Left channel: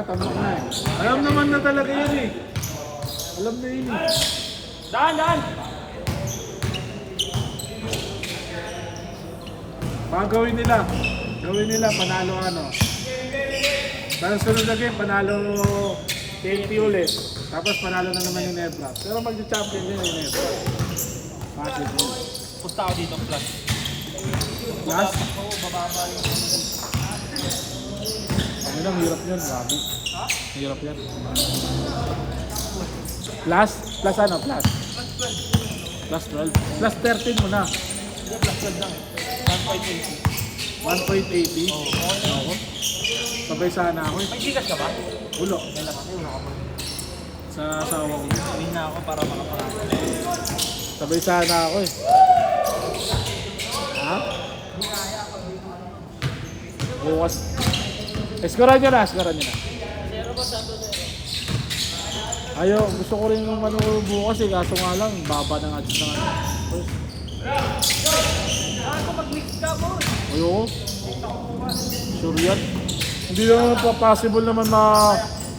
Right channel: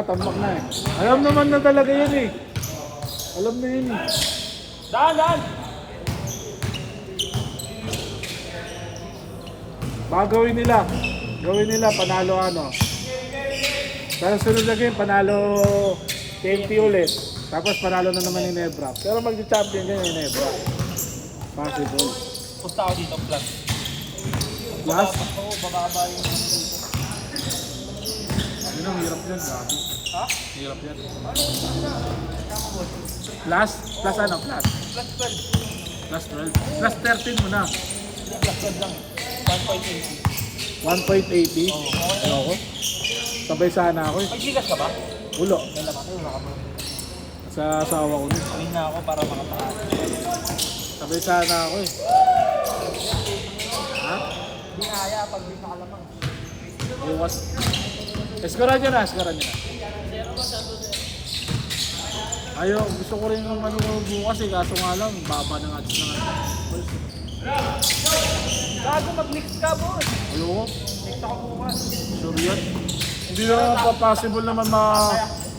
nga, tambak na eh. Alam naman na talaga yun eh. Alam na yun eh. Daan! Baka gawin nila, panalo ano. Tapos sunod na game, panalo KP ulit. Tapos panalo na naman yung Nebra. Pero mag-champion din yung Nebra. Possible. Punta ako dito, plus. Plus? Ano ang hirap yun, grabe. Hirap yun. Plus? Plus ano? Plus? Plus 12. Plus 13 mo na. 1.80. Oo. Sabay sana ako. May gigas ka ba? Ulo. May lakas mo na ako. Sa asawa ko. Sabihin na ako para Sabay sana ako eh. Ha? Bukas. Eskura nyo na. Zero ba? Santo zero. Ayaw, gusto ko rin yung ano bukas eh. Kaso nga lang, baba ng ads na ano. Kaso mag-mix ka po. Ayoko. Sure yan. Hindi naman possible naman na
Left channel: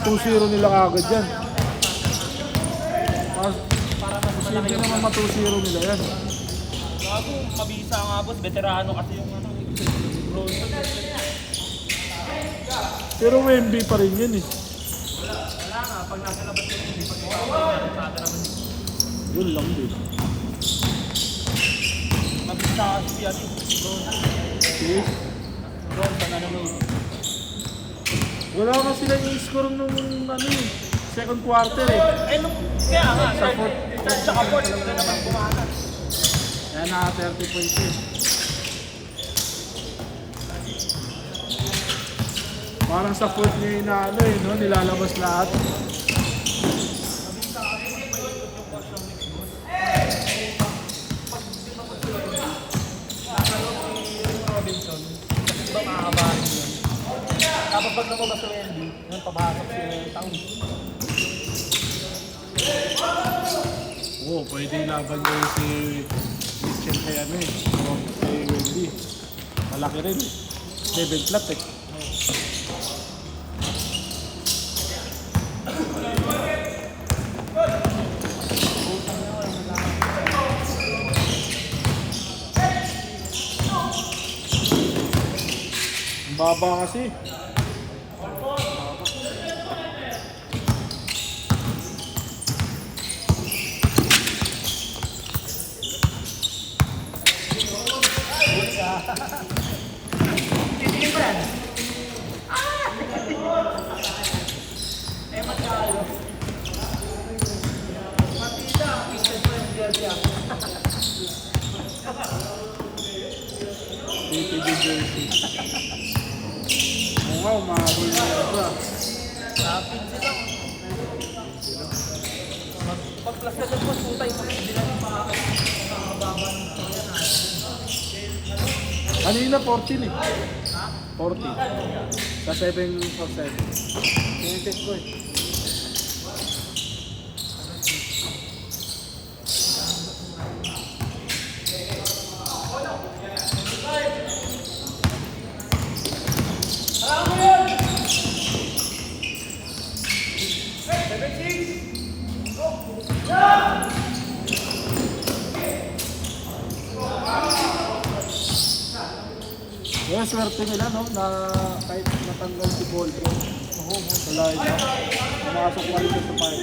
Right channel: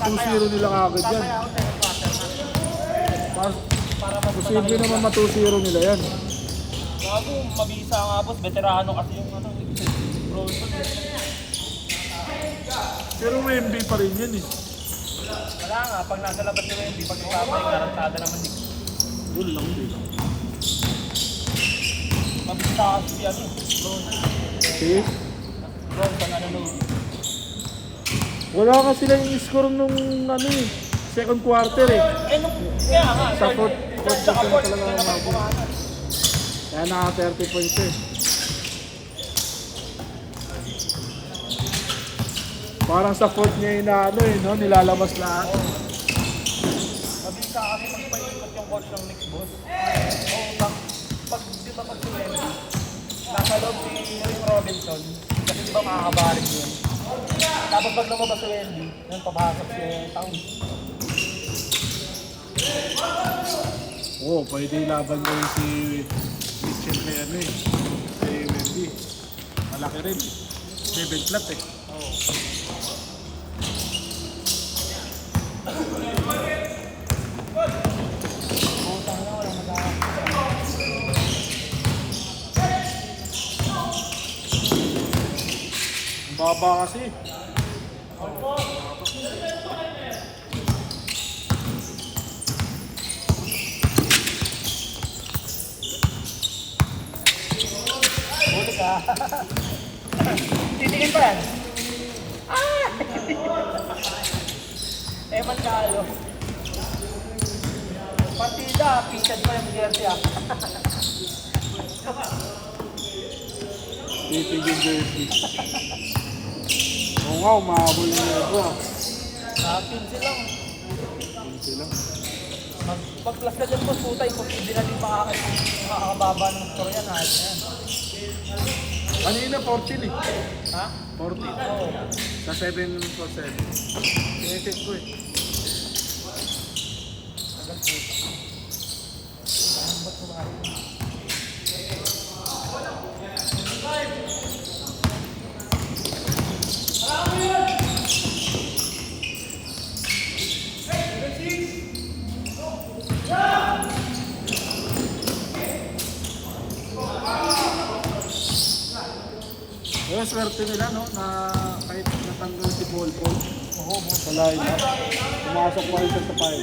2-0 nila kagad yan. Posible naman ma 2-0 nila yan. Gago, mabisa nga boss. Veterano kasi yung ano. Pero may MB pa rin yun eh. Wala nga, pag nasa labas nila hindi pag-iwala, may garantada naman. Yun lang din. Mabisa kasi yan eh. Okay. Bron, sa nanonood. Wala kasi lang yung score nung ano eh. Second quarter eh. Eh, nung, kaya nga. Sa fourth quarter talaga natin. Kaya naka 30 points eh. Parang sa fourth niya yung ano eh, no? Nilalabas lahat. Tapos pag lumabas sa Wendy, yung pabakit yung taon. Oo, pwede laban ko yung si Mitchell kay ano eh. Si Wendy. Malaki rin. 7 flat eh. Ang baba kasi. Titingin ba yan? Eh, magkalo. Partida, picture pa yung jersey ako. Titigil jersey. Oo nga, umahabol na ito. Pinsi lang. Pag-plus ka dyan po, puta, hindi na rin makakababa ng Korea na. Kanina 14 eh. Ha? 40. Sa 7%. Tinitik ko eh. Yung swerte nila no, na kahit natanggal si Volvo. Oo, malayo. Pumasok pa rin sa fire.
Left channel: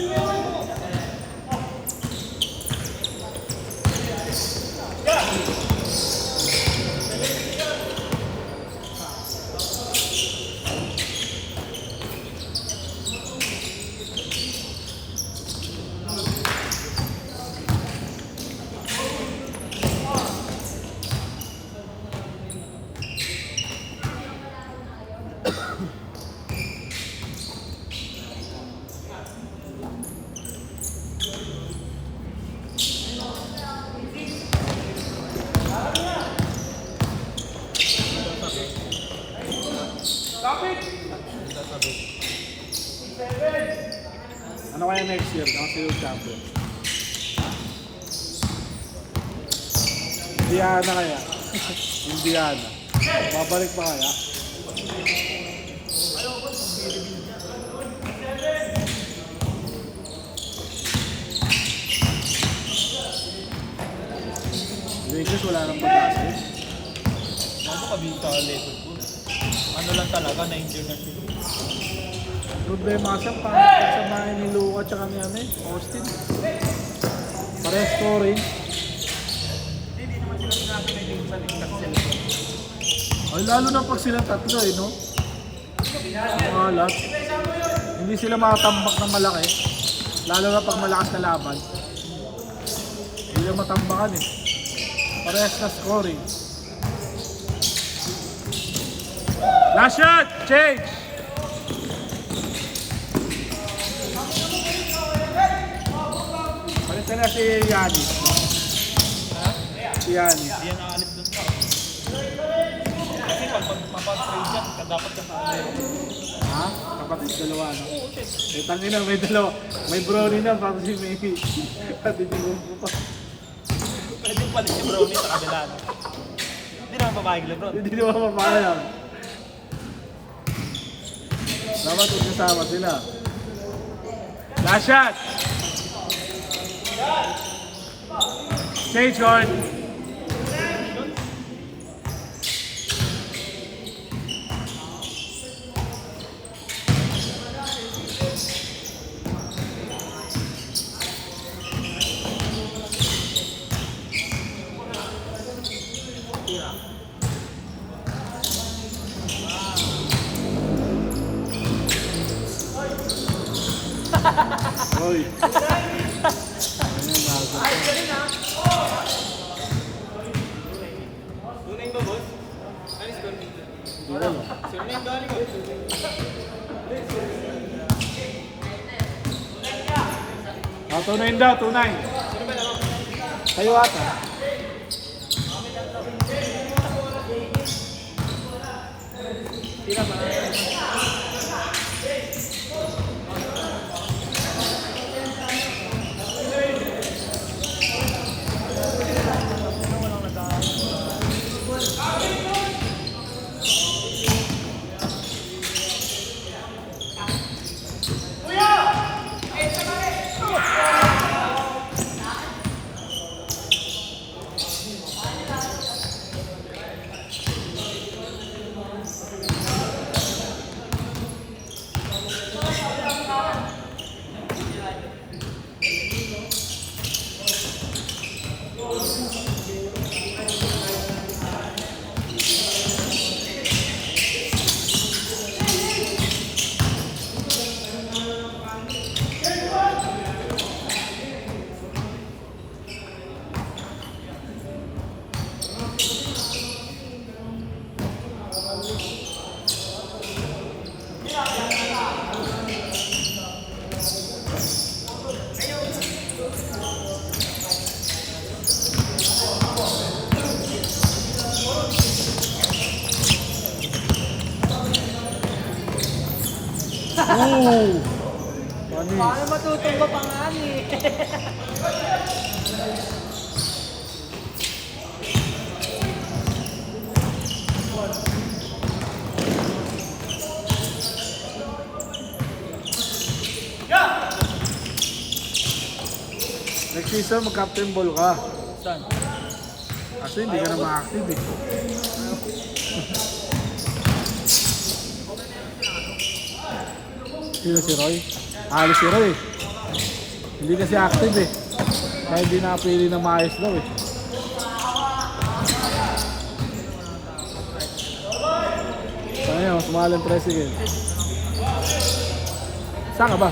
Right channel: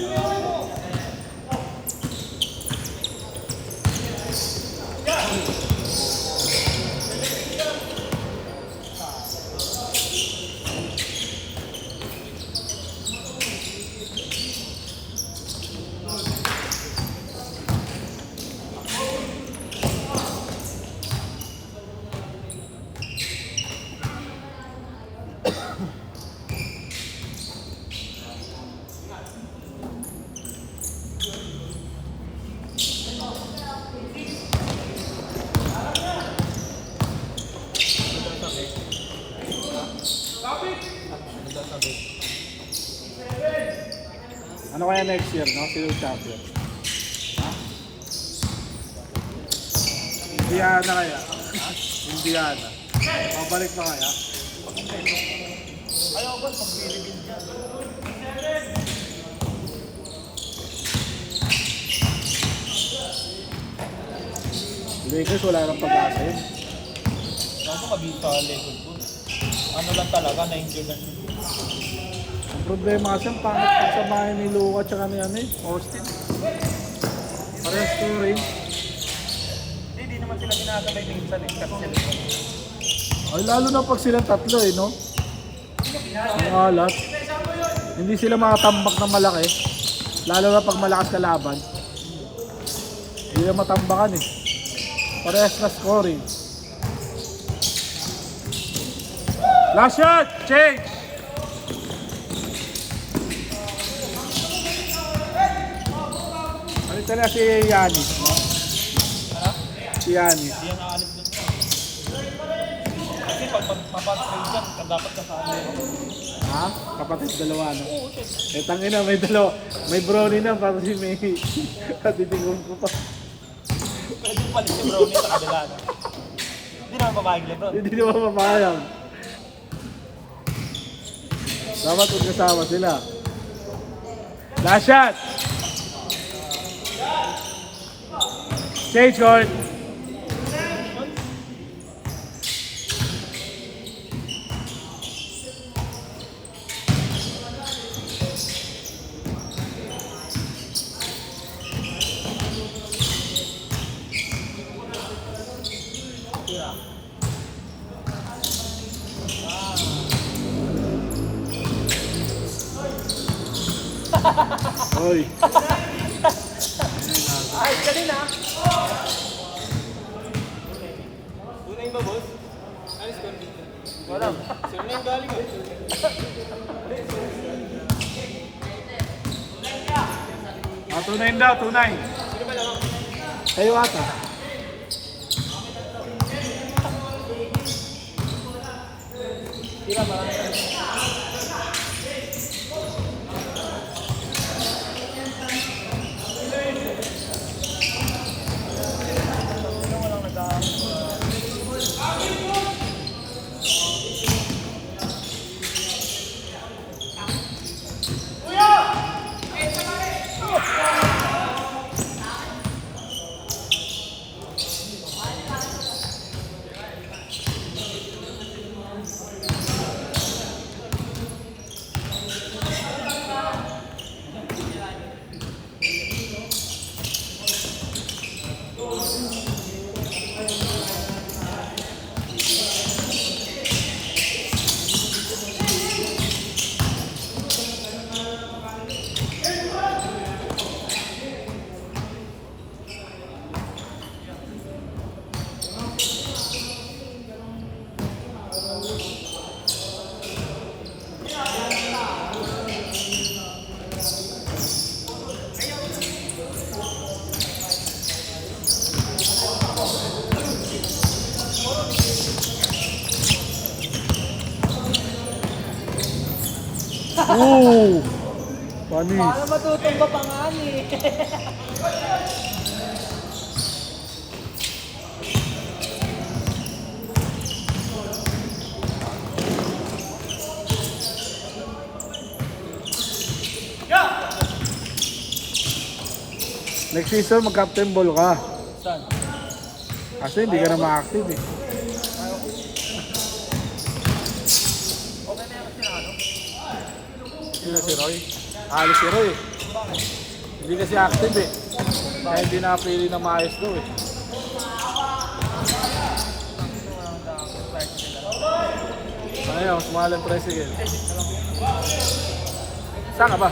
Ano kaya next year? Ano sila yung champion? Indiana kaya? Indiana. Babalik pa kaya? Lakers wala nang pag-asa yun. Ano mabisa ka level po? Ano lang talaga, na-injure lang siya. Ang problema kasi ang pagsamahin ni Luka at ni ano Austin. Parang scoring. Hindi naman sila pinakamay din sa Lakers sila. Ay, lalo na pag silang tatlo no? Malat. Hindi sila makatambak ng malaki. Lalo na pag malakas na laban. Hindi na matambakan Parehas na scoring. Last shot! Change! Balik ka na si Yani. Si Yani. Hindi yan nakalit dun pa. Kasi pag mapag-trade siya, dapat ka sa kanila. Ha? Kapatid dalawa no? Oo, siya. Tangin na, may dalawa. May brownie na, pati si May. Pati si Gumpo pa. Pwede yung palit si Brownie sa kabila, no? Hindi naman papayag Lebron. Hindi naman mapakayang. Dapat ikasama sila. Last shot! Change court! Oy. Tunay ba, boss? Ano score dito? Wala. Sino na yung galing eh? Tunay daw, tunay. Sino ba lang? Kayo ata. Sino ba? Ooh! Panis. Paano matutumba pa nga eh? Next season, mag-captain ball ka. Saan? Kasi hindi ka na ma-active Sino si Roy? Si Roy. Hindi kasi active Kaya hindi napili na maayos daw Ayun, smalang president. Saan ka ba?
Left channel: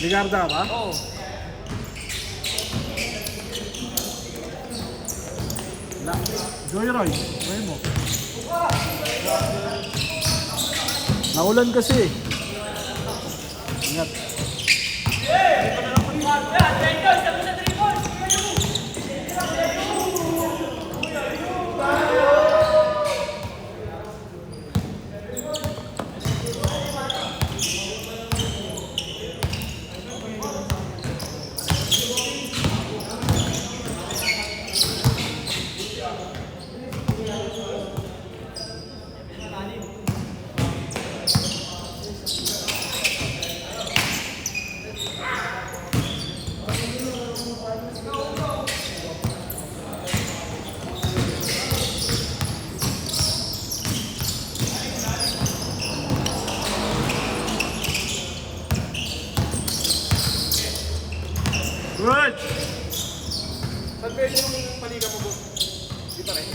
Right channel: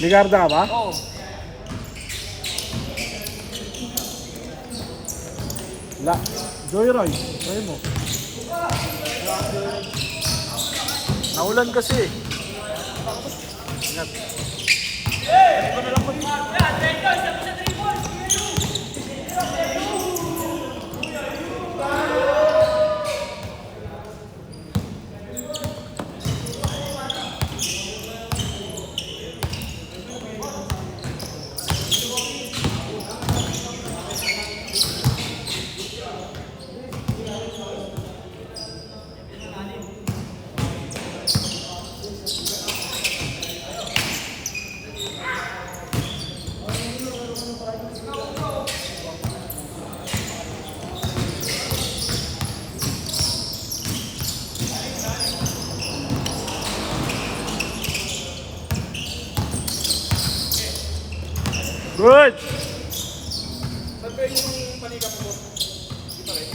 Ligarda ka ba? Oo. La. Joyroy. Roy mo. Naulan kasi Ingat. Good! Saan ba yung paliga mo, boss? Di pa rin.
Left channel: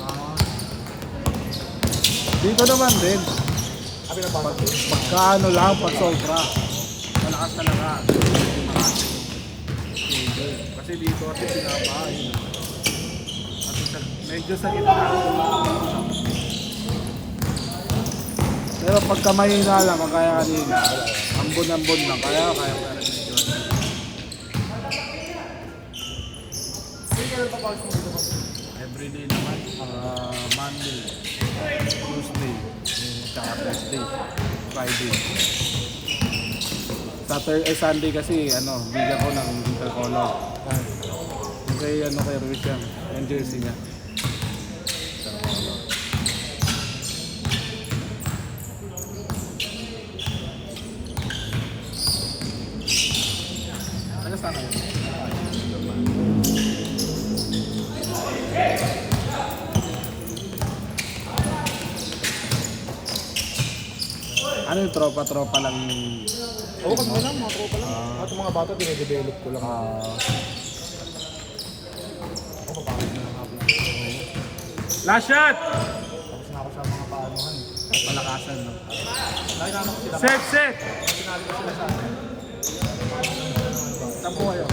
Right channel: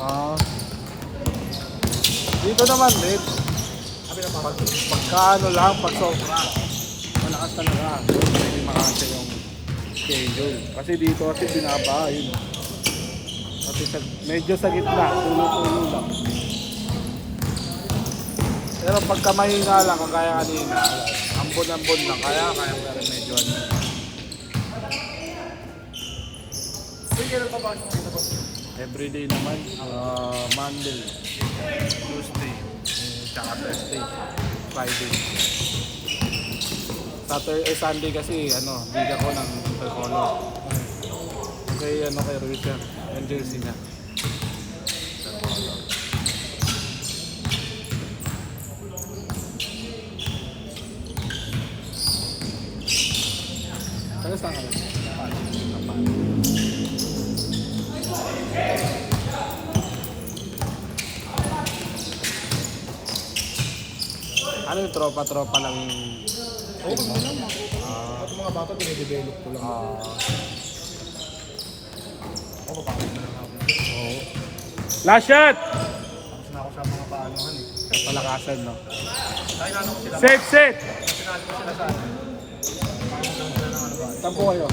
Ah. Dito naman din. Sabi na ba? Kaano lang, pag sobra. Malakas talaga. Hindi makasok. Okay. Kasi dito kasi binabahin. Kasi medyo sa gitna. Pero pagka mahina lang, kung kaya kanina, ambun-ambun lang. Kaya pa rin medyo. Sige, ano pa ba dito, boss? Everyday naman, Monday, Tuesday, tsaka Thursday, Friday. Saturday, Sunday kasi, bigyan ko ng ano. Kasi terrorist yan, yung jersey niya. Kamusta ka? Ano yung tropa-tropa lang yung... Oo, kasi na lang, mga tropa lang. At mga bata, dinidevelop ko lang. Last shot! Tapos na ako sa mga paanuhan. Kapalakasan, no? Dahil namin ko sila. Set! Sinali ko sila sa Tampo kayo.